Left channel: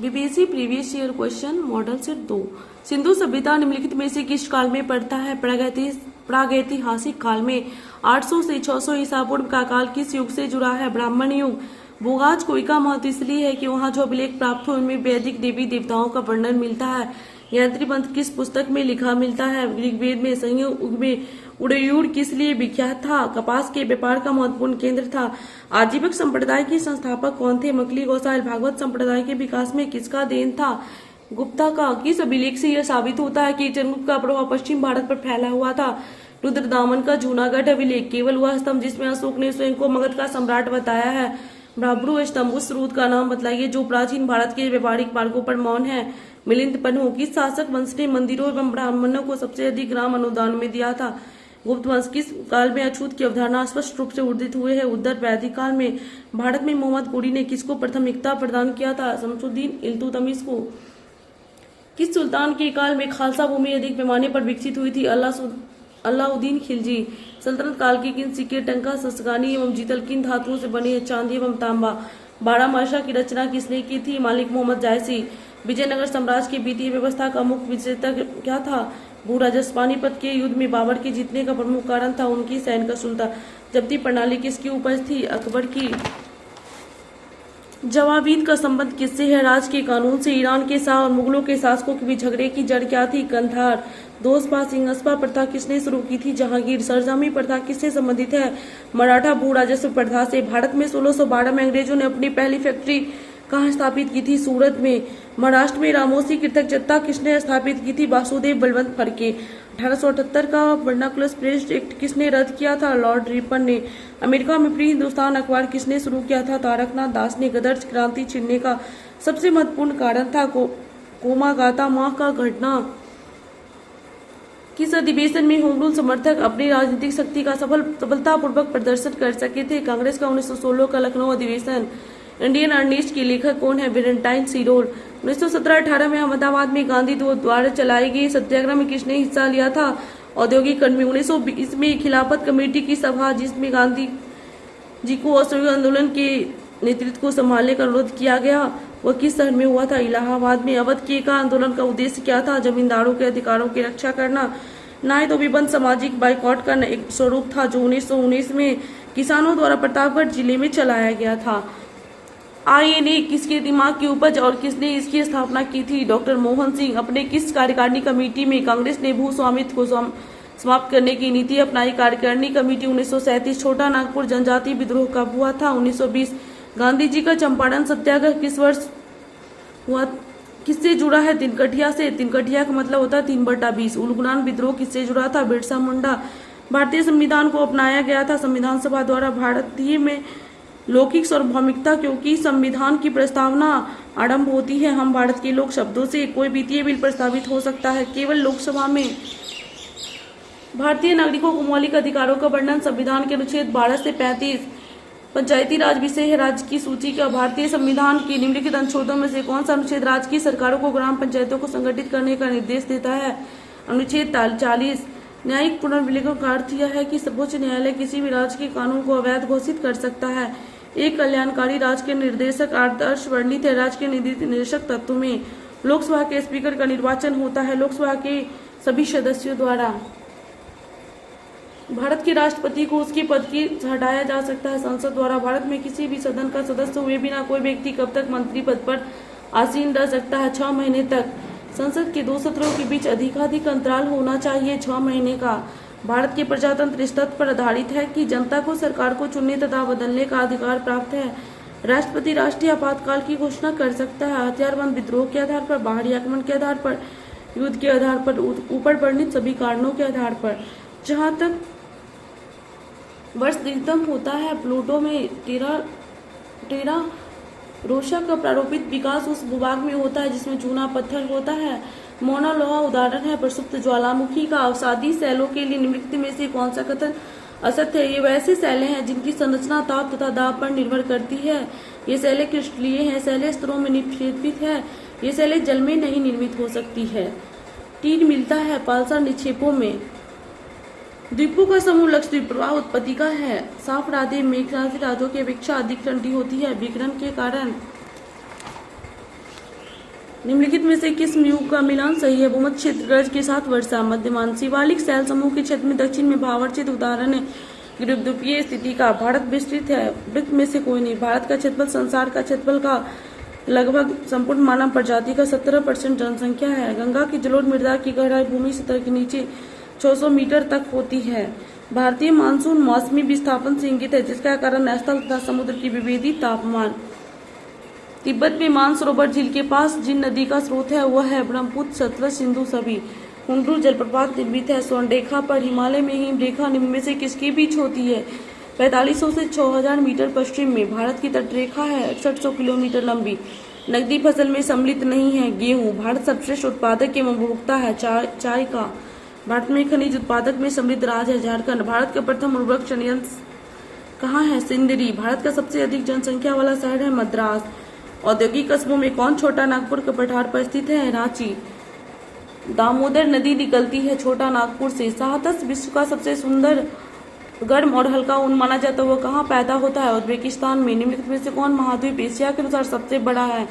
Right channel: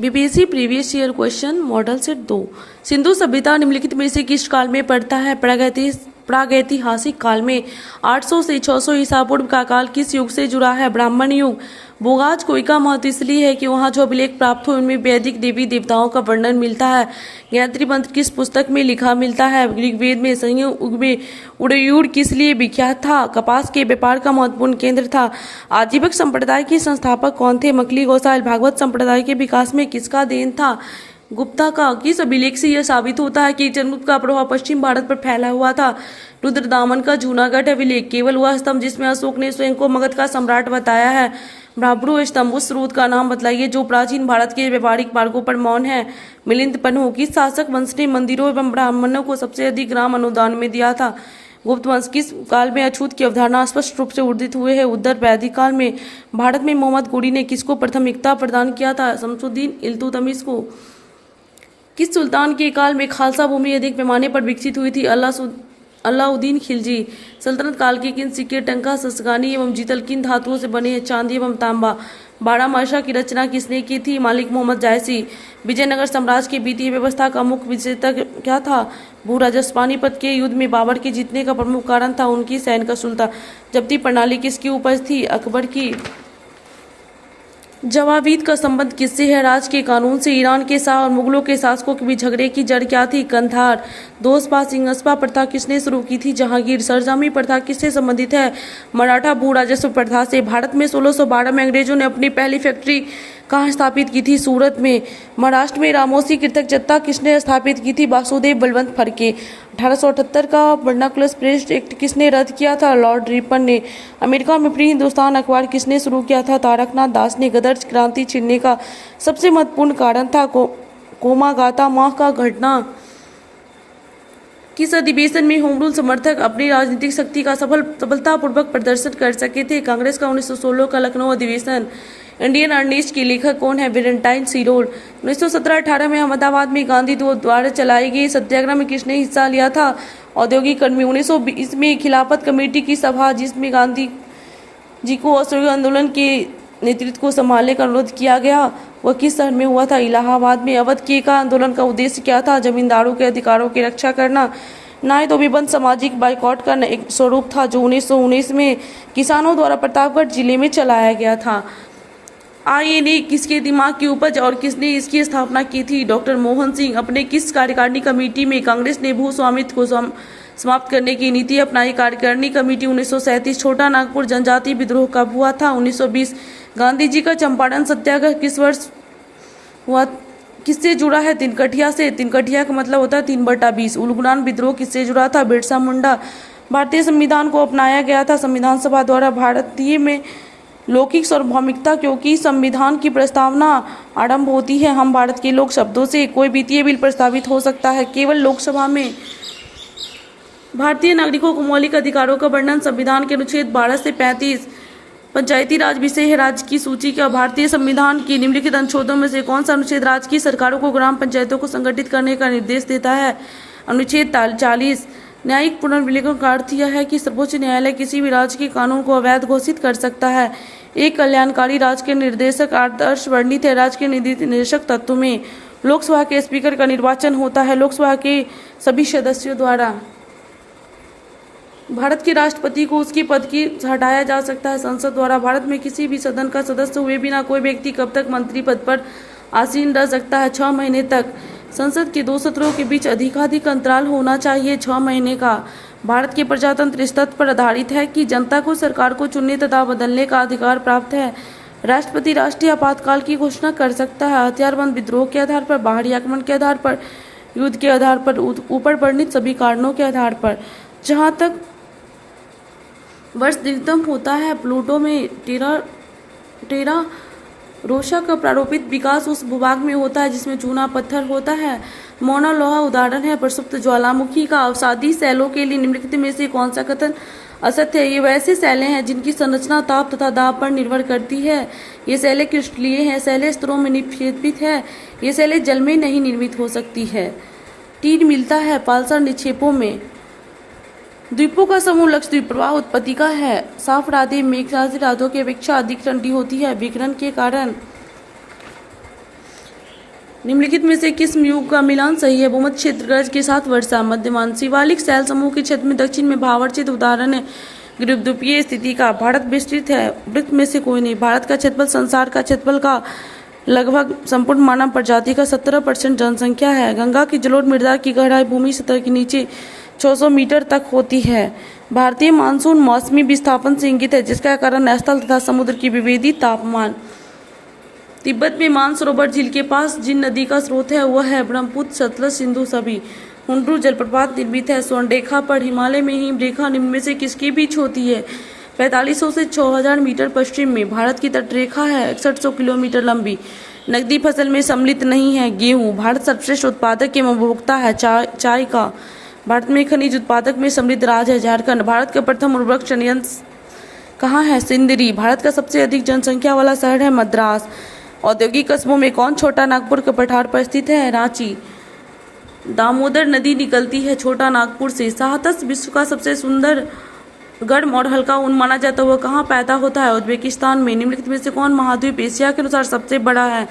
BBC previous year question model set 2। Sindhu सभ्यता निम्नलिखित में से किस काल में पड़ता है? प्रागैतिहासिक काल में। 800 से 600 ईसा पूर्व का काल किस युग से जुड़ा है? ब्राह्मण युग। बोगाज कोई का महत्व इसलिए है कि वहाँ जो अभिलेख प्राप्त हुए उनमें वैदिक देवी देवताओं का वर्णन मिलता है। गायत्री मंत्र किस पुस्तक में लिखा मिलता है? ऋग्वेद में। संयुग में उड़यूर किस लिए विख्यात था? कपास के व्यापार का महत्वपूर्ण केंद्र था। आजीवक संप्रदाय के संस्थापक कौन थे? मकली गोसाइल। भागवत संप्रदाय के विकास में किसका देन था? गुप्ता का। किस अभिलेख से यह साबित होता है कि चंद्रगुप्त का प्रभाव पश्चिम भारत पर फैला हुआ था? रुद्रदामन का जूनागढ़ अभिलेख। केवल वह स्तंभ जिसमें अशोक ने स्वयं को मगध का सम्राट बताया है। ब्राह्मणो स्तंभ। उस स्रोत का नाम बतलाइए जो प्राचीन भारत के व्यापारिक मार्गों पर मौन है। मिलिंद पन्हो। किस शासक वंश ने मंदिरों एवं ब्राह्मणों को सबसे अधिक ग्राम अनुदान में दिया था? गुप्त वंश। किस काल में अछूत की अवधारणा स्पष्ट रूप से उदित हुए है? उत्तर वैदिक काल में। भारत में मोहम्मद गोरी ने किसको प्राथमिकता प्रदान किया था? शमसुद्दीन इल्तुतमिश को। किस सुल्तान के काल में खालसा भूमि अधिक पैमाने पर विकसित हुई थी? अलाउद्दीन खिलजी। सल्तनत काल के किन सिक्के टंका, ससगानी एवं जीतल किन धातुओं से बने हैं? चांदी एवं तांबा। बारहमासा की रचना किसने की थी? मालिक मोहम्मद जायसी। विजयनगर साम्राज्य की वित्तीय व्यवस्था का मुख्य विजेता क्या था? भू राजस्व। पानीपत के युद्ध में बाबर के जीतने का प्रमुख कारण था उनकी सैन्य कुशलता। जब्ती प्रणाली किसकी उपज थी? अकबर की। जवाबीद का संबंध किससे है? राज के कानून से। ईरान के शाह और मुगलों के शासकों के बीच झगड़े की जड़ क्या थी? कंधार। दोषपा सिंहस्पा प्रथा किसने शुरू की थी? जहांगीर। सरजमी प्रथा किससे संबंधित है? मराठा भू राजस्व प्रथा से। भारत में 1612 में अंग्रेजों ने अपनी पहली फैक्ट्री कहाँ स्थापित की थी? सूरत में। महाराष्ट्र में रामोसी कृतक जत्था किसने स्थापित की थी? वासुदेव बलवंत फड़के। 1878 का वर्नाकुलर प्रेस एक्ट किसने रद्द किया था? लॉर्ड रिपन ने। अमेरिका में प्री हिंदुस्तान अखबार किसने शुरू किया था? तारकनाथ दास ने। गदर क्रांति छिड़ने का सबसे महत्वपूर्ण कारण था कोमागाता माह का घटना। किस अधिवेशन में होम रूल समर्थक अपनी राजनीतिक शक्ति का सफलतापूर्वक प्रदर्शन कर सके थे? कांग्रेस का 1916 का लखनऊ अधिवेशन। इंडियन अर्नेस्ट की लेखक कौन है? वेलेंटाइन सिरोल। 1917-18 में अहमदाबाद में गांधी द्वारा चलाए गए सत्याग्रह में किसने हिस्सा लिया था? औद्योगिक कर्मी। 1920 में खिलाफत कमेटी की सभा जिसमें गांधी जी को असहयोग आंदोलन के नेतृत्व को संभालने का अनुरोध किया गया वह किस शहर में हुआ था? इलाहाबाद में। अवध के का आंदोलन का उद्देश्य क्या था? जमींदारों के अधिकारों की रक्षा करना। न्याय तो विबंध सामाजिक बाइकॉट का एक स्वरूप था जो 1919 में किसानों द्वारा प्रतापगढ़ जिले में चलाया गया था। आईएनए किसके दिमाग की उपज और किसने इसकी स्थापना की थी? डॉक्टर मोहन सिंह। अपने किस कार्यकारिणी कमेटी में कांग्रेस ने भू स्वामित्व को समाप्त करने की नीति अपनाई? कार्यकारिणी कमेटी। 1937 छोटा नागपुर जनजाति विद्रोह कब हुआ था? 1920। गांधी जी का चंपारण सत्याग्रह किस वर्ष हुआ? किससे जुड़ा है? तिनकठिया से। तिनकठिया का मतलब होता है 3/20। उलगुलान विद्रोह किससे जुड़ा था? बिरसा मुंडा। भारतीय संविधान को अपनाया गया था संविधान सभा द्वारा भारतीय में लौकिक सार्वभौमिकता क्योंकि संविधान की प्रस्तावना आरंभ होती है हम भारत के लोग शब्दों से। कोई वित्तीय बिल प्रस्तावित हो सकता है केवल लोकसभा में। भारतीय नागरिकों को मौलिक अधिकारों का वर्णन संविधान के अनुच्छेद 12 से 35। पंचायती राज विषय है राज्य की सूची का। भारतीय संविधान के निम्नलिखित अनुच्छेदों में से कौन सा अनुच्छेद राज्य की सरकारों को ग्राम पंचायतों को संगठित करने का निर्देश देता है? अनुच्छेद 40। न्यायिक पुनर्विवेचन का अर्थ यह है कि सर्वोच्च न्यायालय किसी भी राज्य के कानून को अवैध घोषित कर सकता है। एक कल्याणकारी राज्य के निर्देशक आदर्श वर्णित है राज्य के निर्देशक तत्व में। लोकसभा के स्पीकर का निर्वाचन होता है लोकसभा के सभी सदस्यों द्वारा। भारत के राष्ट्रपति को उसके पद की हटाया जा सकता है संसद द्वारा। भारत में किसी भी सदन का सदस्य हुए बिना कोई व्यक्ति कब तक मंत्री पद पर आसीन रह सकता है? 6 महीने तक। संसद के 2 सत्रों के बीच अधिकाधिक अंतराल होना चाहिए 6 महीने का। भारत के प्रजातंत्र इस तथ्य पर आधारित है कि जनता को सरकार को चुनने तथा बदलने का अधिकार प्राप्त है। राष्ट्रपति राष्ट्रीय आपातकाल की घोषणा कर सकता है हथियारबंद विद्रोह के आधार पर, बाहरी आक्रमण के आधार पर, युद्ध के आधार पर, ऊपर वर्णित सभी कारणों के आधार पर। जहाँ तक वर्ष दिग्गम होता है प्लूटो में टेरा रोशा का प्रारूपित विकास उस भूभाग में होता है जिसमें चूना पत्थर होता है। मोना लोहा उदाहरण है प्रसुप्त ज्वालामुखी का। अवसादी शैलों के लिए निम्नलिखित में से कौन सा कथन असत्य है? ये वैसे शैलें हैं जिनकी संरचना ताप तथा दाब पर निर्भर करती है। ये शैलें क्रिस्टलीय हैं। शैलें स्तरों में निक्षेपित है। ये शैलें जल में नहीं निर्मित हो सकती है। टीन मिलता है पालसर निक्षेपों में। द्वीपों का समूह लक्षद्वीप प्रवाह उत्पत्ति का है। साफ राधे मेघराज रातों की अपेक्षा अधिक ठंडी होती है विकिरण के कारण। निम्नलिखित में से किस युग का मिलान सही है? भूमध्य क्षेत्र गरज के साथ वर्षा मध्यमान शिवालिक शैल समूह के क्षेत्र में दक्षिण में भावार्चित उदाहरण है द्वीपीय स्थिति का। भारत विस्तृत है, वृत्त में से कोई नहीं। भारत का क्षेत्रफल संसार का क्षेत्रफल का लगभग संपूर्ण मानव प्रजाति का 17% जनसंख्या है। गंगा की जलोढ़ मृदा की गहराई भूमि सतह के नीचे 600 मीटर तक होती है। भारतीय मानसून मौसमी विस्थापन से इंगित है, जिसका कारण स्थल तथा समुद्र की विभेदित तापमान। तिब्बत में मानसरोवर झील के पास जिन नदी का स्रोत है वह है ब्रह्मपुत्र, सतलज, सिंधु सभी। हुंड्रू जलप्रपात निर्मित है स्वर्णरेखा पर। हिमालय में हिमरेखा निम्न में से किसके बीच होती है? 4500 से 6000 मीटर पश्चिम में। भारत की तटरेखा है 6100 किलोमीटर लंबी। नकदी फसल में सम्मिलित नहीं है गेहूं। भारत सर्वश्रेष्ठ उत्पादक एवं उपभोक्ता है चाय का। भारत में खनिज उत्पादक में सम्मिलित राज्य है झारखंड। भारत का प्रथम उर्वरक संयंत्र कहाँ है? सिंदरी। भारत का सबसे अधिक जनसंख्या वाला शहर है मद्रास। औद्योगिक कस्बों में कौन छोटा नागपुर के पठार पर स्थित है? रांची। दामोदर नदी निकलती है छोटा नागपुर से। साहतस विश्व का सबसे सुंदर, गर्म और हल्का ऊन माना जाता है वह कहाँ पैदा होता है? उज्बेकिस्तान में। निम्नलिखित में से कौन महाद्वीप एशिया के अनुसार सबसे बड़ा है?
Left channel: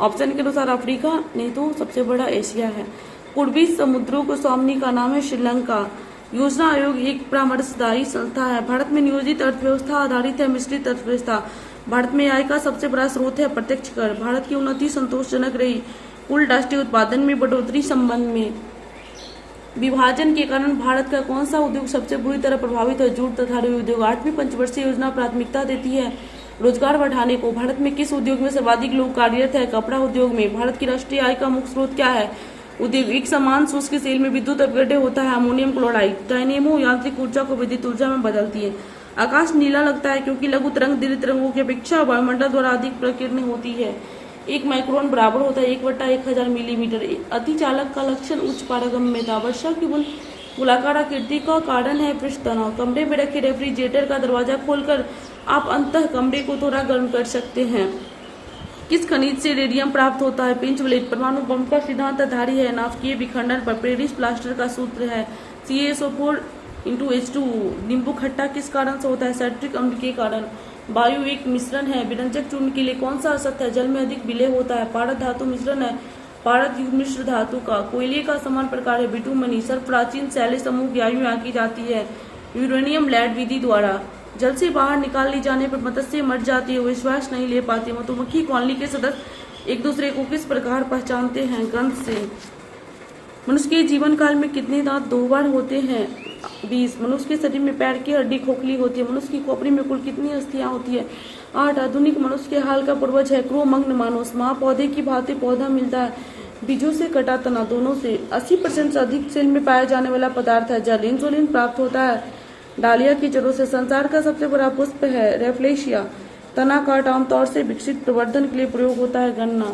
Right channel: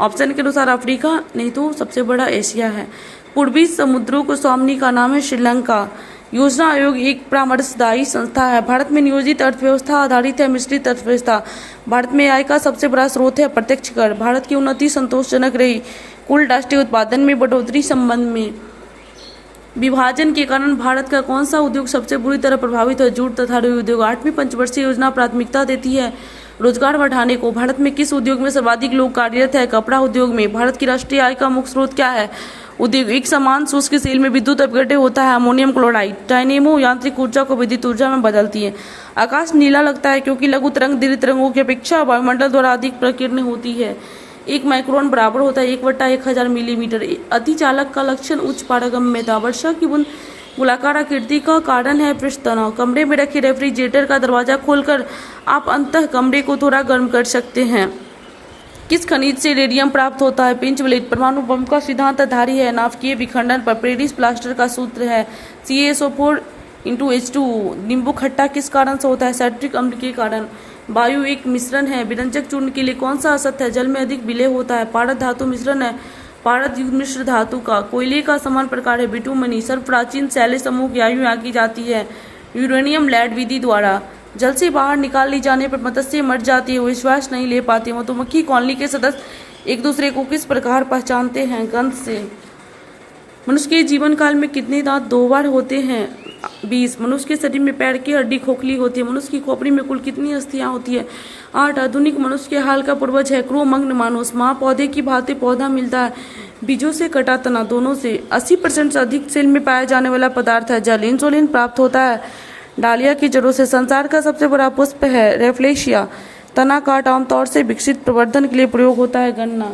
ऑप्शन के अनुसार अफ्रीका, नहीं तो सबसे बड़ा एशिया है। पूर्वी समुद्रों को स्वामिनी का नाम है श्रीलंका। योजना आयोग एक परामर्शदायी संस्था है। भारत में नियोजित अर्थव्यवस्था आधारित है मिश्रित अर्थव्यवस्था। भारत में आय का सबसे बड़ा स्रोत है प्रत्यक्ष कर। भारत की उन्नति संतोषजनक रही। कुल राष्ट्रीय उत्पादन में बढ़ोतरी संबंध में। विभाजन के कारण भारत का कौन सा उद्योग सबसे बुरी तरह प्रभावित है? जूट तथा रुई उद्योग। 8वीं पंचवर्षीय योजना प्राथमिकता देती है रोजगार बढ़ाने को। भारत में किस उद्योग में सर्वाधिक लोग कार्यरत है? कपड़ा उद्योग में। भारत की राष्ट्रीय आय का मुख्य स्रोत क्या है? उद्योग। एक समान शुष्क सेल में विद्युत अपघट्य होता है अमोनियम क्लोराइड। डायनेमो यांत्रिक ऊर्जा को विद्युत ऊर्जा में बदलती है। आकाश नीला लगता है क्योंकि लघु तरंग दीर्घ तरंगों की अपेक्षा वायुमंडल द्वारा अधिक प्रकीर्ण होती है। 1 माइक्रोन बराबर होता है 1/1000 मिलीमीटर। अतिचालक का लक्षण उच्च पारगम्यता। वर्षा की बूंद गोलाकार आकृति का कारण है पृष्ठ तनाव। कमरे में रखे रेफ्रिजरेटर का दरवाजा खोलकर आप अंततः कमरे को थोड़ा गर्म कर सकते हैं। किस खनिज से रेडियम प्राप्त होता है? पेंचवलेट। परमाणु बम का सिद्धांत आधारित है नाभिकीय विखंडन पर। पेरिस प्लास्टर का सूत्र है CaSO4:H2। नींबू खट्टा किस कारण से होता है? साइट्रिक अम्ल के कारण। वायु एक मिश्रण है। विरंजक चूर्ण के लिए कौन सा असत्य है? जल में अधिक विलय होता है। पारद धातु मिश्रण है पारद युक्त मिश्र धातु का। कोयले का समान प्रकार है बिटुमनी। सर्व प्राचीन शैल समूह की आयु आंकी जाती है यूरेनियम लैड विधि द्वारा। जल से बाहर निकाल ली जाने पर मत्स्य मर जाती है, वो विश्वास नहीं ले पाती। मधुमक्खी कॉलोनी के सदस्य एक दूसरे को किस प्रकार पहचानते हैं? गंध से। मनुष्य के जीवन काल में कितने दांत 2 बार होते हैं? 20। मनुष्य के शरीर में पैर की हड्डी खोखली होती है। मनुष्य की खोपड़ी में कुल कितनी अस्थियां होती है? 8। आधुनिक मनुष्य के हाल का पूर्वज है क्रो-मग्न मानुस। महापौधे की भांति पौधा मिलता है बीजों से कटा तना दोनों से। 80% से अधिक सेल में पाया जाने वाला पदार्थ है जल। इंसुलिन प्राप्त होता है डालिया की जड़ों से। संसार का सबसे बड़ा पुष्प है रेफ्लेशिया। तना काट आमतौर से विकसित प्रवर्धन के लिए प्रयोग होता है गन्ना।